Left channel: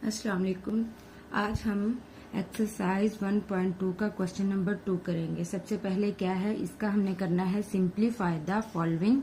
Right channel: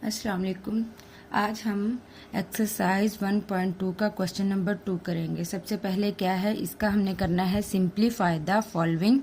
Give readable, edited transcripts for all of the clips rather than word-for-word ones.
अस्सलाम वालेकुम। आज हम एक्सरसाइज 1.2 का क्वेश्चन नंबर 2 करेंगे। सबसे पहले क्या है, इसका हमने करना है सिंप्लीफाई द फॉलोइंग।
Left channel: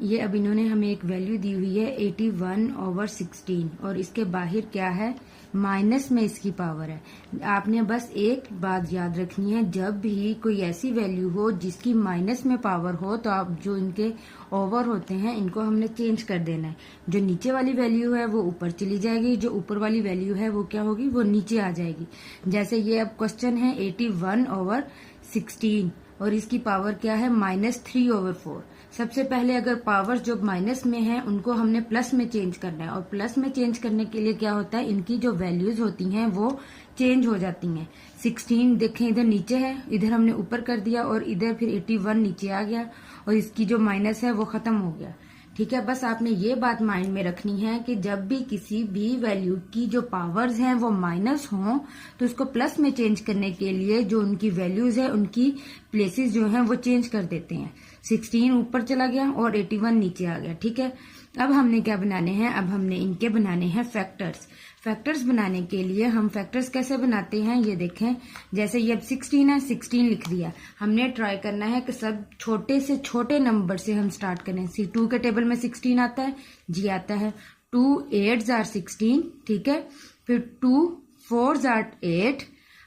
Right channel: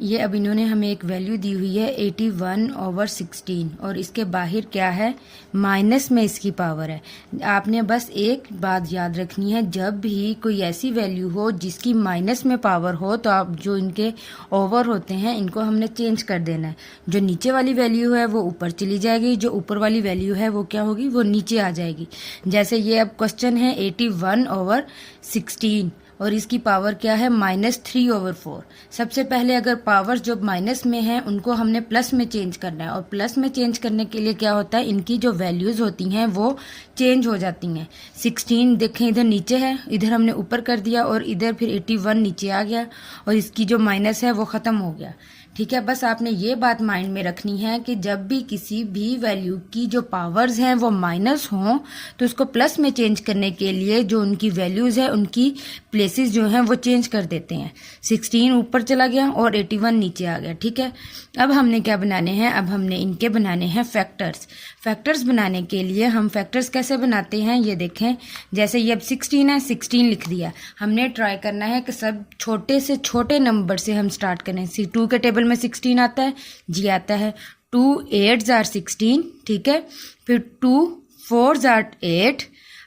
ये अब इन्होंने हमें एक वैल्यू दी हुई है 81/16 और इसके बाहर क्या है, माइनस में इसकी पावर है। आपने बस एक बात याद रखनी है, जब भी कोई ऐसी वैल्यू हो जिसकी माइनस में पावर हो तो आप जो इनके ओवर होते हैं इनको हमने चेंज कर देना है। जो नीचे वाली वैल्यू है वो ऊपर चली जाएगी, जो ऊपर वाली वैल्यू है वो क्या होगी, वो नीचे आ जाएगी। जैसे ये अब क्वेश्चन है 81/16 और इसकी पावर क्या है, -3/4। सबसे पहले अगर पावर जो माइनस में है उनको हमने प्लस में चेंज करना है, और प्लस में चेंज करने के लिए क्या होता है, इनकी जो वैल्यूज होती हैं वो चेंज हो जाती हैं। 16 देखें इधर नीचे है, इधर हमने ऊपर कर दिया और इधर फिर 81 नीचे आ गया और इसकी जो माइनस है वो ख़त्म हो गया। ठीक है, बस आपने ये बात माइंड में रखनी है कि जब भी किसी भी वैल्यू की जो पावर्स हैं वो माइनस हों तो उसको प्लस में चेंज करने के लिए जो उनकी वैल्यूज है उनकी प्लेसेस जो हैं वो चेंज कर देते हैं। 16 ऊपर चला गया और 81 नीचे आ गया। ठीक है, अब हमने क्या बनाने हैं, अब हमने इनके बनाने हैं फैक्टर्स। फैक्टर्स बनाने के लिए हम फैक्टर्स कैसे बनाते हैं ये देखें। जैसे ये अब 16 है, 16 लिख दिया। हमने ट्राई करना है कि सब छोटे से छोटे नंबर से हम स्टार्ट करें। 2 के टेबल में 16 आता है, जी आता है। 2 8s are 16, ठीक है। फिर 2 4s are 8।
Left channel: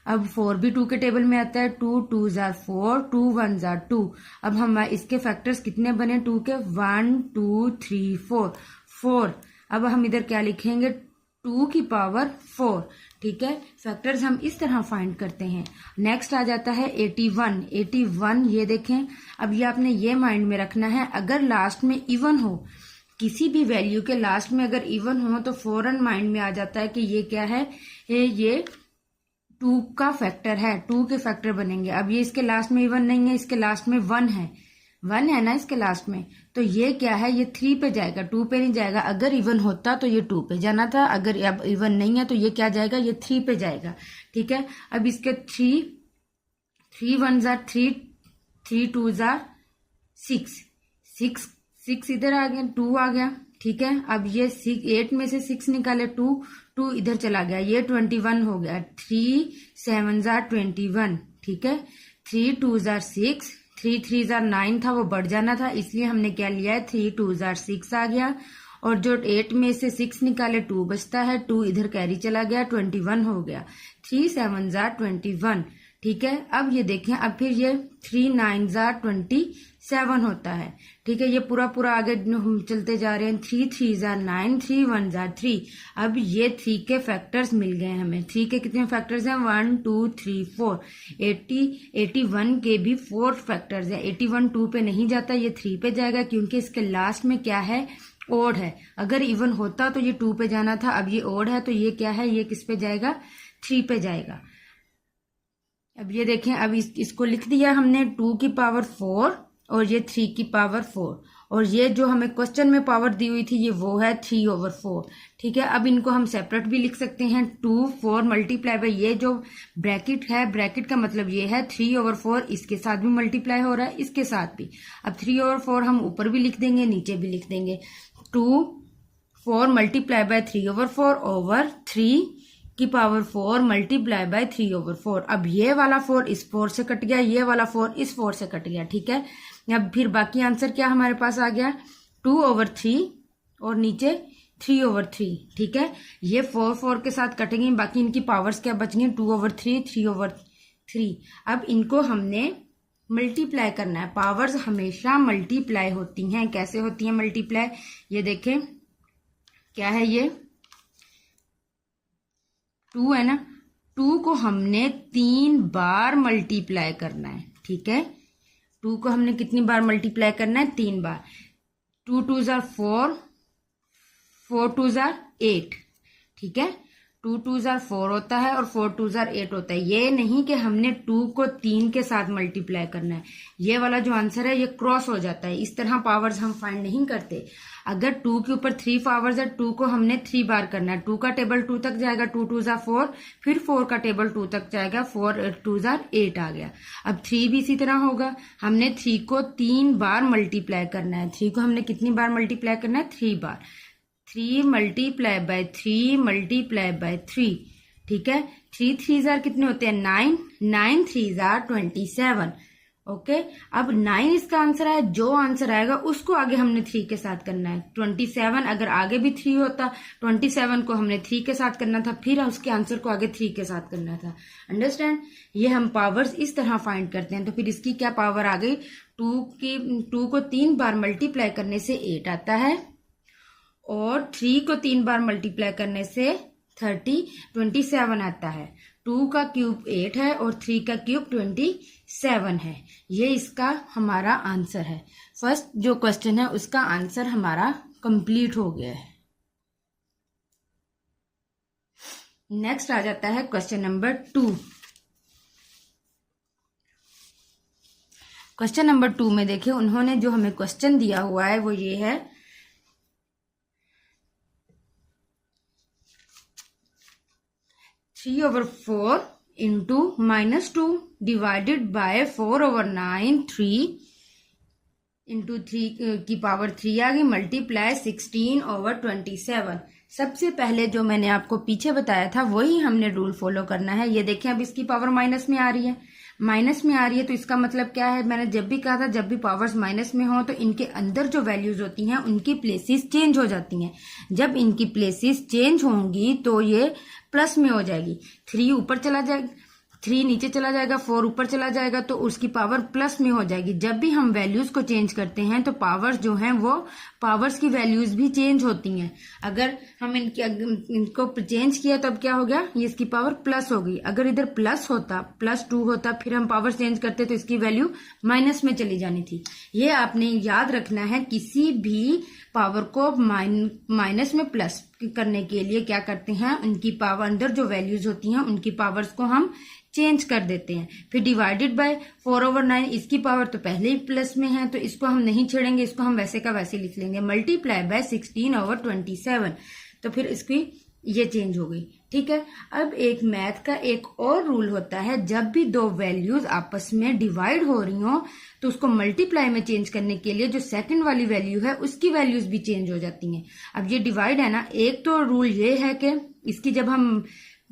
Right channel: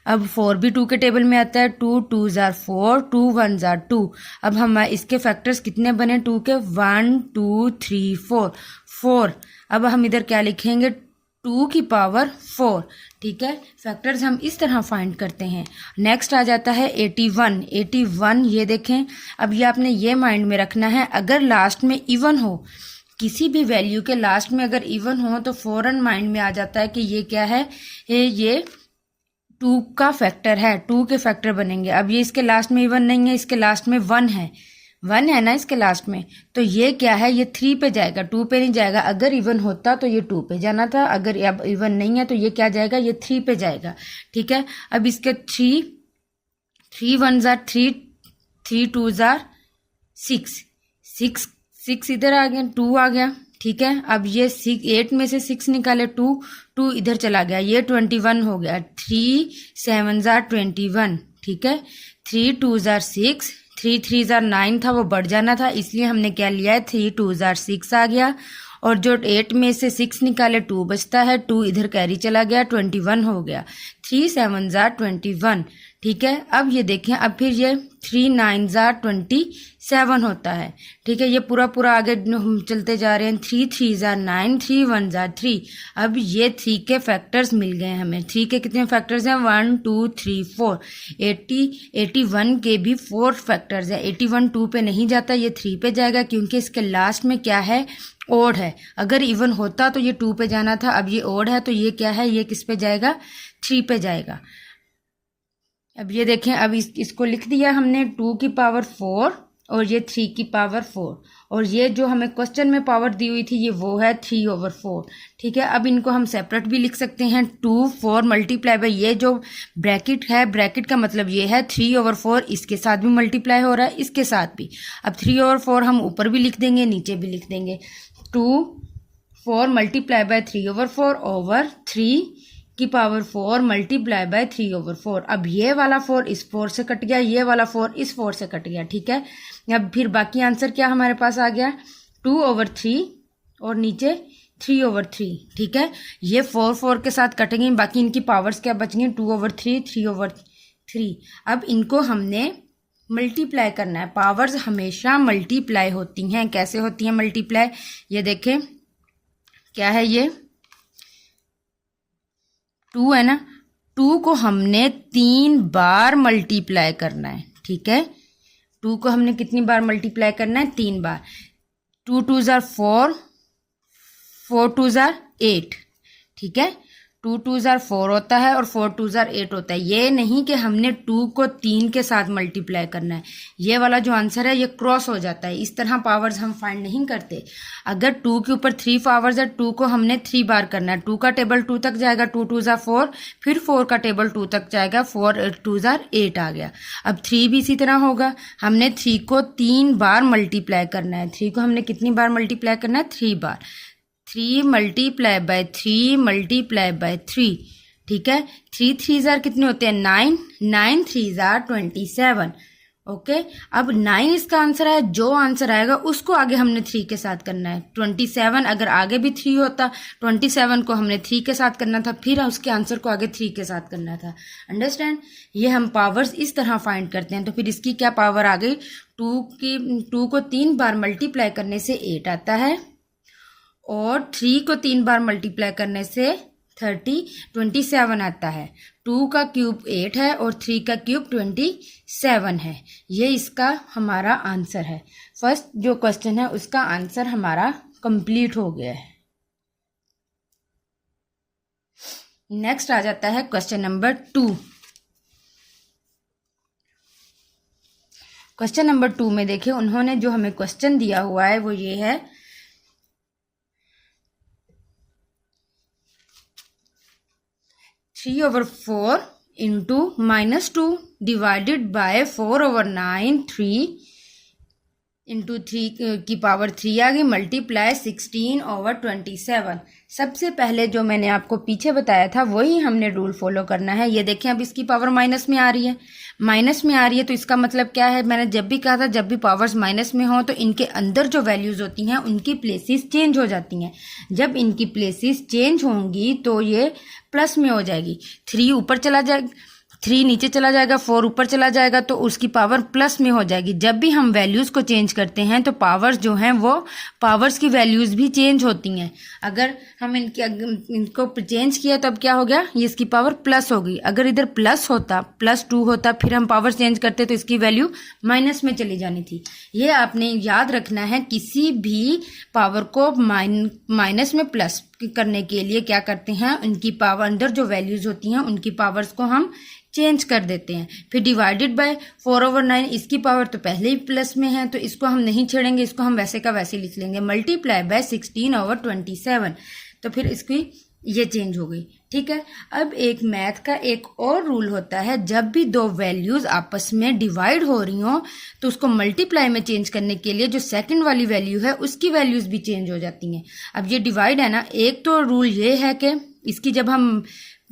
अब 4 भी 2 के टेबल में आता है। 2 2s are 4, 2 1s are 2। अब हम इसके फैक्टर्स कितने बने 2 के, 1 2 3 4 4। अब हम इधर क्या लिखेंगे, 2 की पावर 4। ठीक है, फैक्टर्स हम इस तरह फाइंड करते हैं। नेक्स्ट आ जाता है 81। 81 ये देखें, अब ये आपने ये माइंड में रखना है, अगर लास्ट में इवन हो, किसी भी वैल्यू के लास्ट में अगर इवन हो तो फौरन माइंड में आ जाता है कि ये क्या है, ये 2 का फैक्टर है, 2 के फैक्टर बनेंगे। अब ये इसके लास्ट में इवन नहीं है, इसके लास्ट में 1 है, 1 है ना इसके लास्ट में, तो ये क्या है, ये 3 पे जाएगा, 2 पे नहीं जाएगा। अगर इवन होता तो ये 2 पे जाना था, अगर अब इवन नहीं है तो ये क्या जाएगा, ये 3 पे जाएगा। ठीक है, अब इसके 3 1s are 3, 3 2s are 6, 6 इधर आ गया, 2 आ गया। ठीक है, अब ये 8 में से 6 निकाले, 2 इधर चला गया, ये 21 हो गया। 3 7s are 21। ठीक है, 3 2s are 6, 3 3s are 9 था, वो बढ़ जाना था, इसलिए हमने क्या लिया है, 3 2s are 6 आ गया। और जो 8 में से 6 निकाले 2 बचता है, 2 इधर कैरी चला गया, 21 हो गया। 3 7s are 21। ठीक है, अब ये देखें, अब फिर ये 3 9s are 27 होता है। ठीक है, ये पूरा पूरा आगे हम चलते जा रहे हैं। 3 3s are 9, 3 1s are 3। अब ये 3 के फैक्टर्स मिल गए हमें। 3 के कितने फैक्टर्स हैं, 1 2 3 4। 81 के भी 4 फैक्टर्स हैं। 81 2 पे नहीं जाता, ये 3 पे जाएगा, क्योंकि इसके लास्ट में क्या है, ओड है। अगर इवन होता तो ये 2 पे जाना था, अब ये ओड है तो ये क्या है, ये किस पे जाएगा, 3 पे जाएगा। अब ये देखें, अब इसको लिख दिया हमने, 2 की पावर 4 और ये 3 की पावर 4, और ये जो हमें क्वेश्चन में पावर दी हुई थी ये वो है 3/4। ठीक है, अब इनको हम सेपरेट भी लिख सकते हैं। 2 4 मल्टीप्लाई बाई ये जो ब्रैकेट है, ब्रैकेट का मतलब ये है 3/4, इसके साथ भी मल्टीप्लाई हो रहा है, इसके साथ भी। अब 3/4 हम ऊपर भी लिख देंगे, नीचे भी लिख देंगे। 2 4 मल्टीप्लाई बाय 3/4 ओवर 3 की पावर 4 मल्टीप्लाई बाय 3/4। अब ये वाला 4 इस 4 से कट गया, ये वाला 4 इस 4 से कट गया। ठीक है, अब फिर बाकी आंसर क्या हमारे पास आ गया, 2/3 और नीचे 3/3। ठीक है, ये 4 4 के साथ कटेंगे, बाकी इनकी पावर्स क्या बचेंगी, 2/3 3/3। अब इनको हमने मल्टीप्लाई करना है। पावर्स हमेशा मल्टीप्लाई होती हैं। कैसे होती हैं मल्टीप्लाई, ये देखें, क्या है, ये 2 है ना, 2 को हमने 3 बार मल्टीप्लाई करना है। ठीक है, 2 को हमने कितनी बार मल्टीप्लाई करना है, 3 बार। 2 2s are 4, 4 2s are 8। ठीक है, 2 2s are 4 होता है और 4 2s are 8 होता है। ये नहीं कि हमने 2 को 3 के साथ मल्टीप्लाई करना है, ये वाला जो आंसर है ये क्रॉस हो जाता है। इस तरह पावर्स हम फाइंड नहीं करते। अगर 2 के ऊपर 3 पावर्स है, 2 को हमने 3 बार करना है। 2 का टेबल 2 तक जाएगा, 2 2s are 4, फिर 4 का टेबल 2 तक जाएगा, 4 2s are 8 आ गया। अब 3 भी इसी तरह होगा, हमने 3 को 3 बार मल्टीप्लाई करना है। 3 को हमने कितनी बार मल्टीप्लाई करना है, 3 बार। 3 मल्टीप्लाई बाय 3 मल्टीप्लाई बाय 3, ठीक है। 3 3 जार कितने होते हैं 9, 9 3 जार 27, ओके। अब 9 इसका आंसर है, जो आंसर आएगा उसको आगे हमने 3 के साथ करना है। 27 अगर आगे भी 3 होता, 27 को हमने 3 के साथ करना था, फिर उसके आंसर को आगे 3 के साथ करना था। अंडरस्टैंड? ये हम पावर्स इस तरह फाइंड करते हैं। तो फिर इसकी क्या पावर आ गई, 2 को 3 बार मल्टीप्लाई करने से 8 आता है, और 3 को 3 बार मल्टीप्लाई करने से 27 आता है। 2 का क्यूब 8 है और 3 का क्यूब 27 है। ये इसका हमारा आंसर है। फर्स्ट जो क्वेश्चन है उसका आंसर हमारा कंप्लीट हो गया है। नेक्स्ट आ जाता है क्वेश्चन नंबर 2। क्वेश्चन नंबर 2 में देखिए उन्होंने जो हमें क्वेश्चन दिया हुआ है वो ये है, 3/4 इंटू -2 डिवाइडेड बाय 4/9, 3 इंटू 3 की पावर 3 आ गई, मल्टीप्लाई 16/27। सबसे पहले जो मैंने आपको पीछे बताया था वही हमने रूल फॉलो करना है। ये देखें अब इसकी पावर माइनस में आ रही है, माइनस में आ रही है, तो इसका मतलब क्या है, मैंने जब भी कहा था जब भी पावर्स माइनस में हो तो इनके अंदर जो वैल्यूज होती हैं उनकी प्लेसेस चेंज हो जाती हैं। जब इनकी प्लेसेस चेंज होंगी तो ये प्लस में हो जाएगी। 3 ऊपर चला जाएगा, 3 नीचे चला जाएगा, 4 ऊपर चला जाएगा, तो उसकी पावर प्लस में हो जाएगी। जब भी हम वैल्यूज को चेंज करते हैं तो पावर्स जो हैं वो पावर्स की वैल्यूज भी चेंज होती हैं। अगर हम इनको चेंज किया तब क्या हो गया, ये इसकी पावर प्लस होगी। अगर इधर प्लस होता, +2 होता, फिर हम पावर चेंज करते तो इसकी वैल्यू माइनस में चली जानी थी। ये आपने याद रखना है, किसी भी पावर को माइनस में प्लस करने के लिए क्या करते हैं, उनकी पावर अंदर जो वैल्यूज होती हैं उनकी पावर्स को हम चेंज कर देते हैं। फिर डिवाइडेड बाय 4/9, इसकी पावर तो पहले ही प्लस में है तो इसको हम नहीं छेड़ेंगे, इसको हम वैसे का वैसे लिख लेंगे। मल्टीप्लाई बाय 16/27, तो फिर इसकी ये चेंज हो गई, ठीक है। अब एक मैथ का एक और रूल होता है, जब भी दो वैल्यूज आपस में डिवाइड हो रही हो तो उसको मल्टीप्लाई में चेंज करने के लिए जो सेकंड वाली वैल्यू है उसकी वैल्यूज भी चेंज हो जाती हैं। अब ये डिवाइड है ना, एक तो रूल ये है कि इसकी जब हम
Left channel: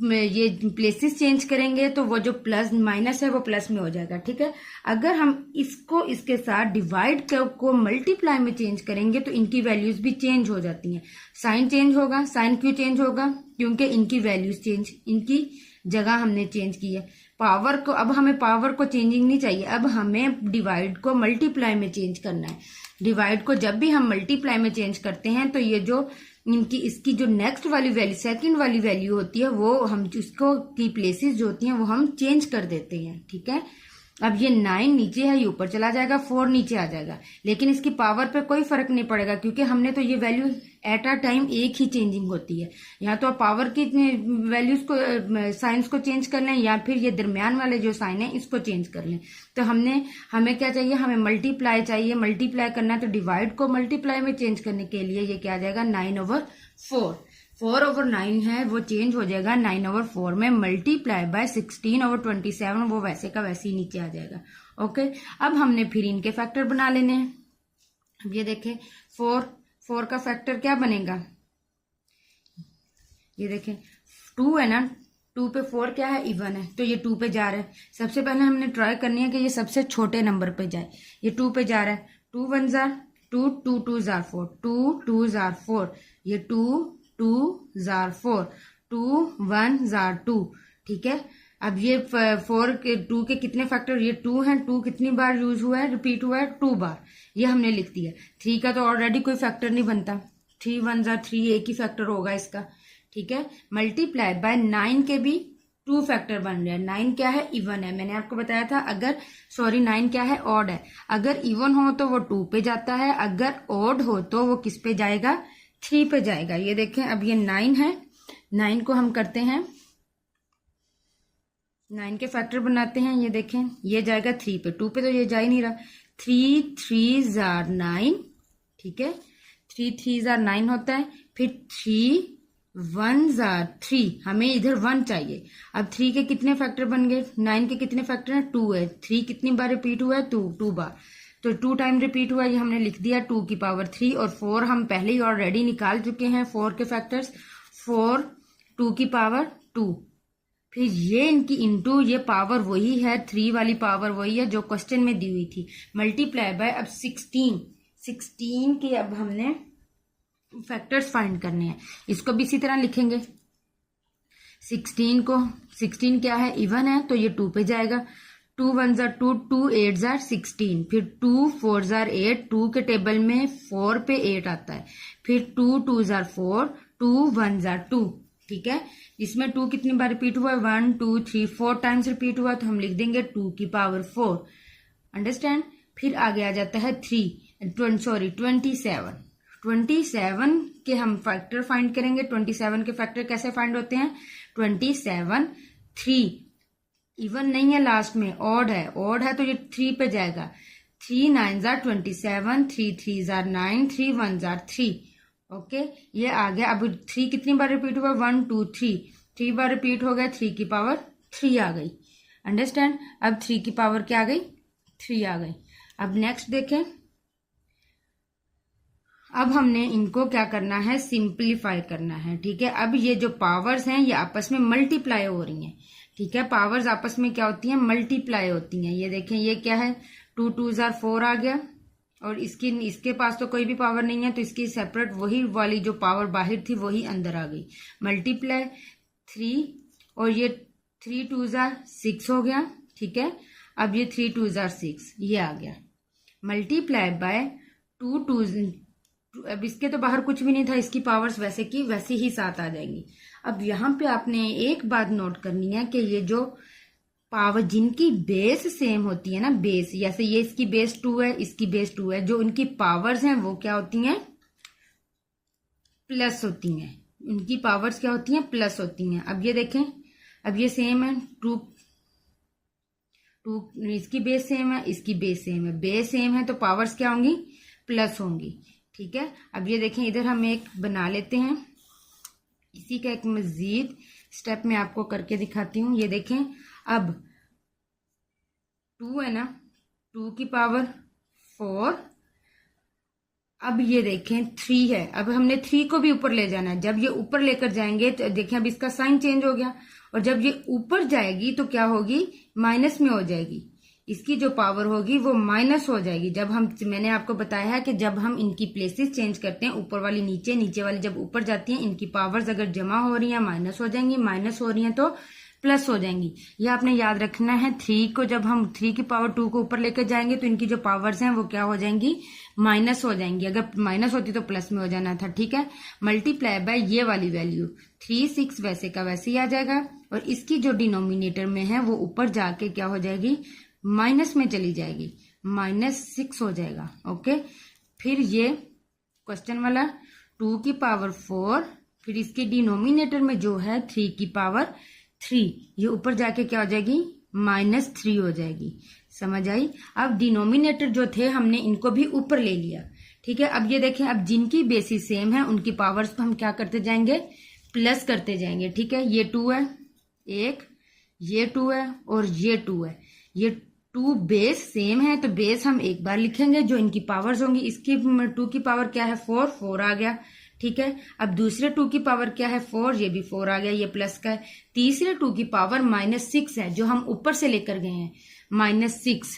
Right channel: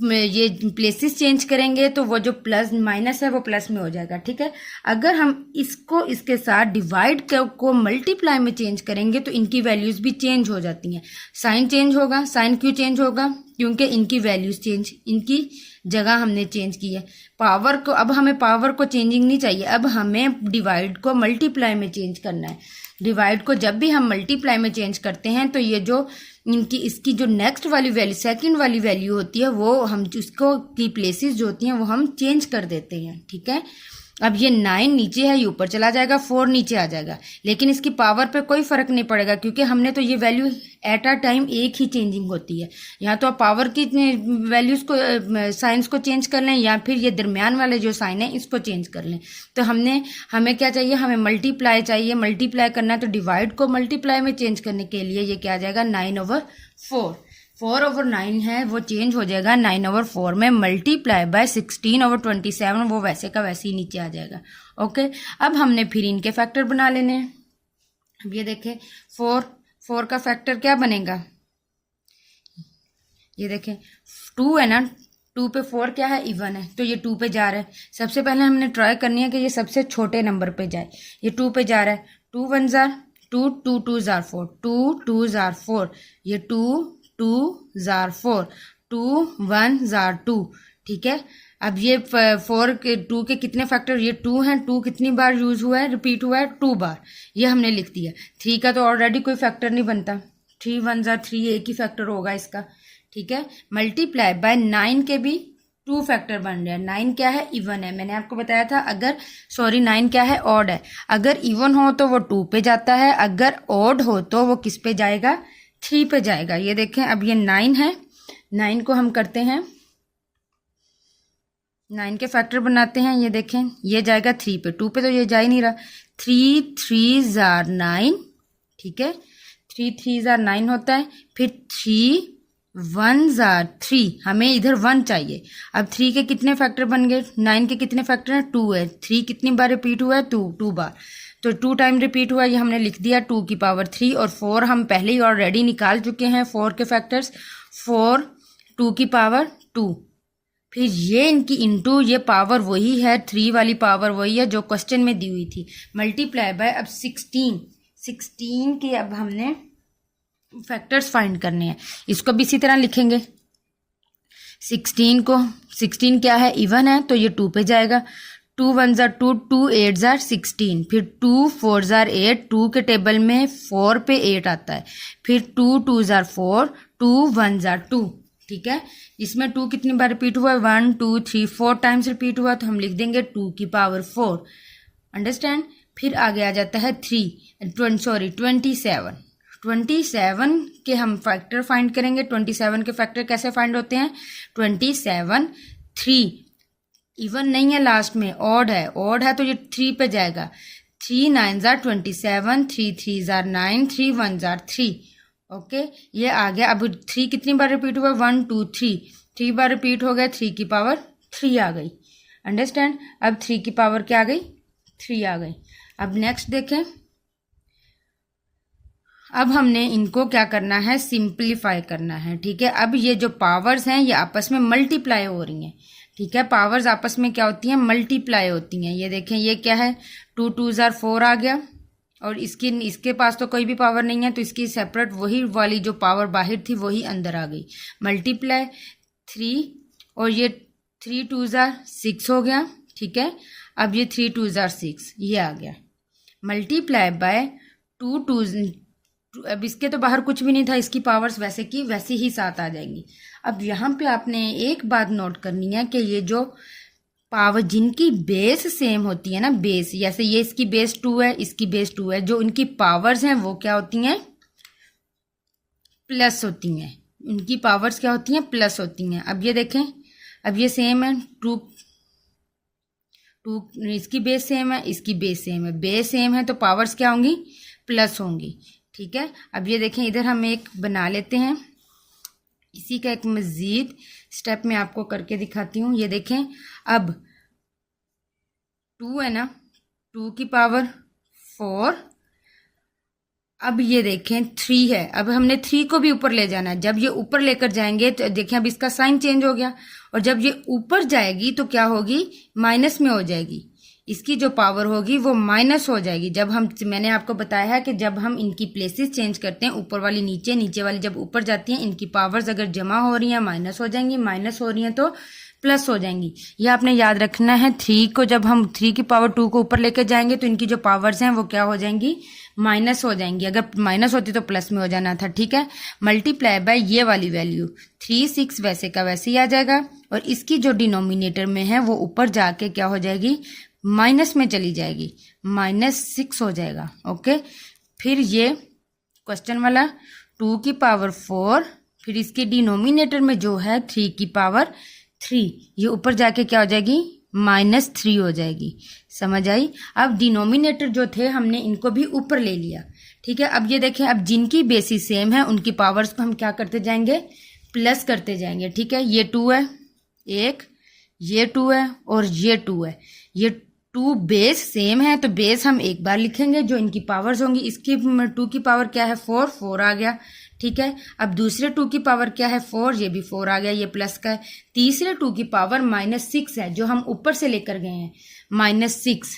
ये प्लेसेस चेंज करेंगे तो वो जो प्लस माइनस है वो प्लस में हो जाएगा, ठीक है। अगर हम इसको इसके साथ डिवाइड को मल्टीप्लाई में चेंज करेंगे तो इनकी वैल्यूज भी चेंज हो जाती हैं। साइन चेंज होगा, साइन क्यों चेंज होगा, क्योंकि इनकी वैल्यूज चेंज, इनकी जगह हमने चेंज की है। पावर को, अब हमें पावर को चेंजिंग नहीं चाहिए, अब हमें डिवाइड को मल्टीप्लाई में चेंज करना है। डिवाइड को जब भी हम मल्टीप्लाई में चेंज करते हैं तो ये जो इसकी जो नेक्स्ट वाली वैल्यू, सेकंड वाली वैल्यू होती है वो हम उसको की प्लेसेस जो होती हैं वो हम चेंज कर देते हैं, ठीक है। अब ये 9 नीचे है, ये ऊपर चला जाएगा, 4 नीचे आ जाएगा, लेकिन इसकी पावर पे कोई फर्क नहीं पड़ेगा क्योंकि हमने तो ये वैल्यू एट अ टाइम एक ही चेंजिंग होती है। या तो पावर की वैल्यूज को, साइंस को चेंज कर लें, या फिर ये दरमियान वाले जो साइन है इसको चेंज कर लें। तो हमें क्या चाहिए, हमें मल्टीप्लाई चाहिए। मल्टीप्लाई करना है तो डिवाइड को मल्टीप्लाई में चेंज करने के लिए ये क्या आ जाएगा, 9/4। 4/9 है वो चेंज हो जाएगा 9/4 में, मल्टीप्लाई बाय 16/27, वो वैसे का वैसे ही नीचे आ जाएगा, ओके। अब हमने फिर इनके फैक्टर बना लेने हैं। अब ये देखें 4 का फैक्टर क्या बनेगा, ये देखें 2 है ना, 2 पे 4 क्या है, इवन है, तो ये 2 पे जा रहा है। सबसे पहले हमने ट्राई करनी है कि ये सबसे छोटे नंबर पे जाए। ये 2 पे जा रहा है, 2 1 जार 2, 2 2 जार 4, 2 2 जार 4, ये 2 2 जार 4, 2 1 जार 2, ठीक है। अब ये 2 के कितने फैक्टर, ये 2 हैं, 2 कितनी बार यूज हुआ है, रिपीट हुआ है, 2 बार, ये हमने लिख दिया। 3 का तो ऑलरेडी कोई फैक्टर नहीं बनता, 3 1 जार 3, एक ही फैक्टर होगा इसका, ठीक है। मल्टीप्लाई बाय 9 के भी 2 फैक्टर बन रहे हैं। 9 क्या है, इवन है, मैंने आपको बताया था। 9 क्या है, ऑड है। अगर इवन हो तो वो 2 पे जाता है, अगर ऑड हो तो वो किस पे जाएगा, 3 पे जाएगा। ये देखें अब ये 9 है, 9 को हम करते हैं, 9 के फैक्टर बनाते हैं। ये देखें ये जाएगा 3 पे, 2 पे तो ये जा ही नहीं रहा। 3 3 जार 9, ठीक है, 3 3 जार 9 होता है। फिर 3 1 जार 3, हमें इधर 1 चाहिए। अब 3 के कितने फैक्टर बन गए, 9 के कितने फैक्टर हैं, 2 है। 3 कितनी बार रिपीट हुआ है, 2 बार, तो 2 टाइम रिपीट हुआ, ये हमने लिख दिया 2 की पावर 3, और 4 हम पहले ही ऑलरेडी निकाल चुके हैं 4 के फैक्टर्स, 4 2 की पावर 2, फिर ये इनकी इंटू, ये पावर वही है, 3 वाली पावर वही है जो क्वेश्चन में दी हुई थी, मल्टीप्लाई बाय अब 16 के अब हमने फैक्टर्स फाइंड करने हैं। इसको भी इसी तरह लिखेंगे, 16 क्या है, इवन है तो ये 2 पे जाएगा, 2 1 जार 2, 2 8 जार 16, फिर 2 4 जार 8, 2 के टेबल में 4 पे 8 आता है, फिर 2 2 जार 4, 2 1 जार 2, ठीक है। इसमें 2 कितनी बार रिपीट हुआ है, 1 2 3 4 टाइम्स रिपीट हुआ, तो हम लिख देंगे 2 की पावर 4, अंडरस्टैंड। फिर आगे आ जाता है 27 के हम फैक्टर फाइंड करेंगे। 27 के फैक्टर कैसे फाइंड होते हैं, 27 3 इवन नहीं है, लास्ट में ऑड है तो ये 3 पे जाएगा, 3 9 जार 27, 3 3 जार 9, 3 1 जार 3, ओके ये आ गया। अब 3 कितनी बार रिपीट हुआ, 1 2 3 बार रिपीट हो गया, 3 की पावर 3 आ गई, अंडरस्टैंड। अब 3 की पावर क्या आ गई, 3 आ गई। अब नेक्स्ट देखें, अब हमने इनको क्या करना है, सिंप्लीफाई करना है, ठीक है। अब ये जो पावर्स हैं ये आपस में मल्टीप्लाई हो रही हैं, ठीक है। पावर्स आपस में क्या होती हैं, मल्टीप्लाई होती हैं। ये देखें, ये क्या है, 2 2 जार 4 आ गया, और इसके पास तो कोई भी पावर नहीं है, तो इसकी सेपरेट वही वाली जो पावर बाहर थी वही अंदर आ गई, मल्टीप्लाई 3, और ये 3 2 जार 6 हो गया, ठीक है। अब ये 3 2 जार 6 ये आ गया, मल्टीप्लाई बाय 2 2, अब इसके तो बाहर कुछ भी नहीं था, इसकी पावर्स वैसे की वैसी ही साथ आ जाएंगी। अब यहाँ पे आपने एक बात नोट करनी है कि ये जो पावर जिनकी बेस सेम होती है ना, बेस, जैसे ये इसकी बेस 2 है, इसकी बेस 2 है, जो इनकी पावर्स हैं वो क्या होती हैं, प्लस होती हैं। इनकी पावर्स क्या होती हैं, प्लस होती हैं। अब ये देखें, अब ये सेम है, 2 इसकी बेस सेम है, इसकी बेस सेम है, बेस सेम है तो पावर्स क्या होंगी, प्लस होंगी, ठीक है। अब ये देखें, इधर हम एक बना लेते हैं, इसी का एक मजीद स्टेप में आपको करके दिखाती हूँ। ये देखें, अब 2 है ना, 2 की पावर 4, अब ये देखें 3 है, अब हमने 3 को भी ऊपर ले जाना है। जब ये ऊपर लेकर जाएंगे तो देखें अब इसका साइन चेंज हो गया, और जब ये ऊपर जाएगी तो क्या होगी, माइनस में हो जाएगी, इसकी जो पावर होगी वो माइनस हो जाएगी। जब हम, मैंने आपको बताया है कि जब हम इनकी प्लेसेस चेंज करते हैं, ऊपर वाली नीचे, नीचे वाली जब ऊपर जाती हैं, इनकी पावर्स अगर जमा हो रही हैं माइनस हो जाएंगी, माइनस हो रही हैं तो प्लस हो जाएंगी। ये आपने याद रखना है। 3 को जब हम 3 की पावर 2 को ऊपर लेके जाएंगे तो इनकी जो पावर्स हैं वो क्या हो जाएंगी, माइनस हो जाएंगी। अगर माइनस होती तो प्लस में हो जाना था, ठीक है। मल्टीप्लाई बाय ये वाली वैल्यू 3 6 वैसे का वैसे ही आ जाएगा, और इसकी जो डिनोमिनेटर में है वो ऊपर जाके क्या हो जाएगी, माइनस में चली जाएगी, -6 हो जाएगा, ओके। फिर ये क्वेश्चन वाला 2 की पावर 4, फिर इसके डिनोमिनेटर में जो है 3 की पावर 3, ये ऊपर जाके क्या हो जाएगी, -3 हो जाएगी, समझ आई। अब डिनोमिनेटर जो थे हमने इनको भी ऊपर ले लिया, ठीक है। अब ये देखें, अब जिनकी बेसिस सेम है उनकी पावर्स को हम क्या करते जाएंगे, प्लस करते जाएंगे, ठीक है। ये 2 है एक, ये 2 है और ये 2 है, ये 2 बेस सेम है तो बेस हम एक बार लिखेंगे, जो इनकी पावर्स होंगी, इसकी 2 की पावर क्या है 4 आ गया, ठीक है। अब दूसरे 2 की पावर क्या है 4, ये भी 4 आ गया, ये प्लस का है। तीसरे 2 की पावर -6 है, जो हम ऊपर से लेकर गए हैं, -6,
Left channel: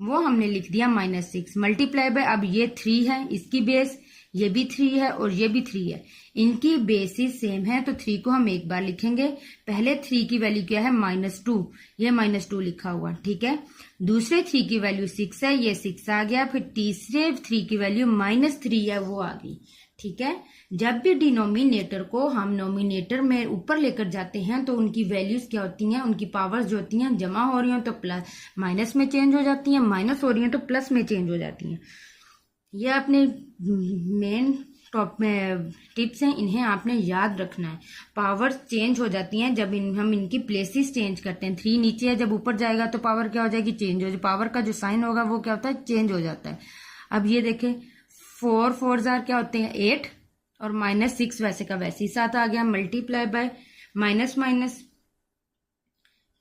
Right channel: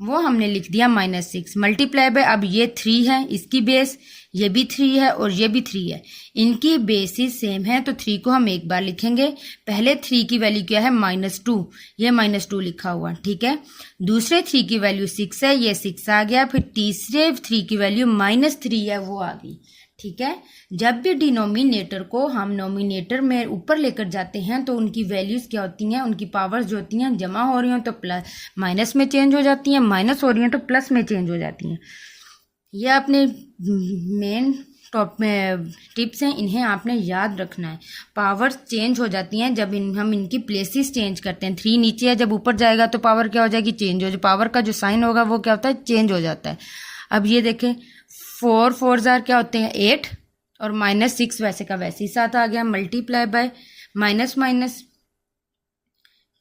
वो हमने लिख दिया -6, मल्टीप्लाई बाय, अब ये 3 है, इसकी बेस, ये भी 3 है और ये भी 3 है, इनकी बेसिस सेम है तो 3 को हम एक बार लिखेंगे। पहले 3 की वैल्यू क्या है, -2, ये -2 लिखा हुआ, ठीक है। दूसरे 3 की वैल्यू 6 है, ये 6 आ गया। फिर तीसरे 3 की वैल्यू -3 है, वो आ गई, ठीक है। जब भी डिनोमिनेटर को हम नोमिनेटर में ऊपर लेकर जाते हैं तो उनकी वैल्यूज क्या होती हैं, उनकी पावर्स जो होती हैं, जमा हो रही हैं तो प्लस माइनस में चेंज हो जाती हैं, माइनस हो रही हैं तो प्लस में चेंज हो जाती हैं। ये अपने मेन टॉप में टिप्स हैं, इन्हें आपने याद रखना है। पावर्स चेंज हो जाती हैं जब हम इनकी प्लेसेस चेंज करते हैं। 3 नीचे है, जब ऊपर जाएगा तो पावर क्या हो जाएगी, चेंज हो, जो पावर का जो साइन होगा वो क्या होता है, चेंज हो जाता है। अब ये देखें, 4 4 जार क्या होते हैं 8, और -6 वैसे का वैसे ही साथ आ गया, multiply by minus minus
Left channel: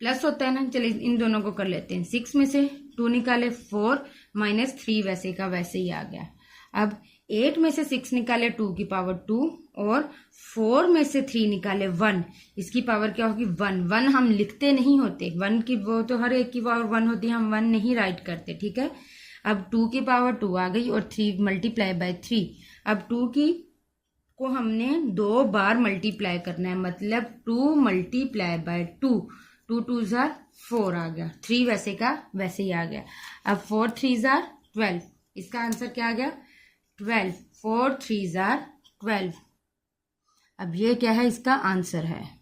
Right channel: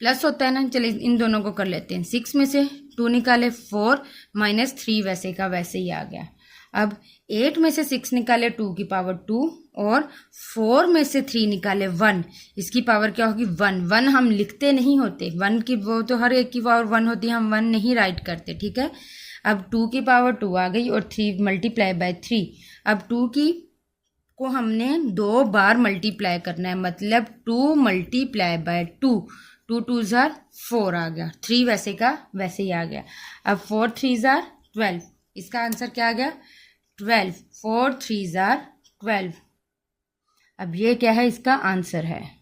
plus होता है ना, चलिए इन दोनों को कर लेते हैं। 6 में से 2 निकाले 4 माइनस 3 वैसे का वैसे ही आ गया। अब 8 में से 6 निकाले 2 की पावर 2 और 4 में से 3 निकाले 1, इसकी पावर क्या होगी 1। 1 हम लिखते नहीं होते, 1 की वो तो हर एक की पावर 1 होती है, हम 1 नहीं राइट करते, ठीक है। अब 2 की पावर 2 आ गई और 3 मल्टीप्लाई बाय 3। अब 2 की को हमने 2 बार मल्टीप्लाई करना है, मतलब 2 मल्टीप्लाई बाय 2, 2 2 जार 4 आ गया। 3 वैसे का वैसे ही आ गया। अब 4 3 जार 12, इसका आंसर क्या आ गया 12। 4 3 जार 12। अब ये क्या है, इसका आंसर है।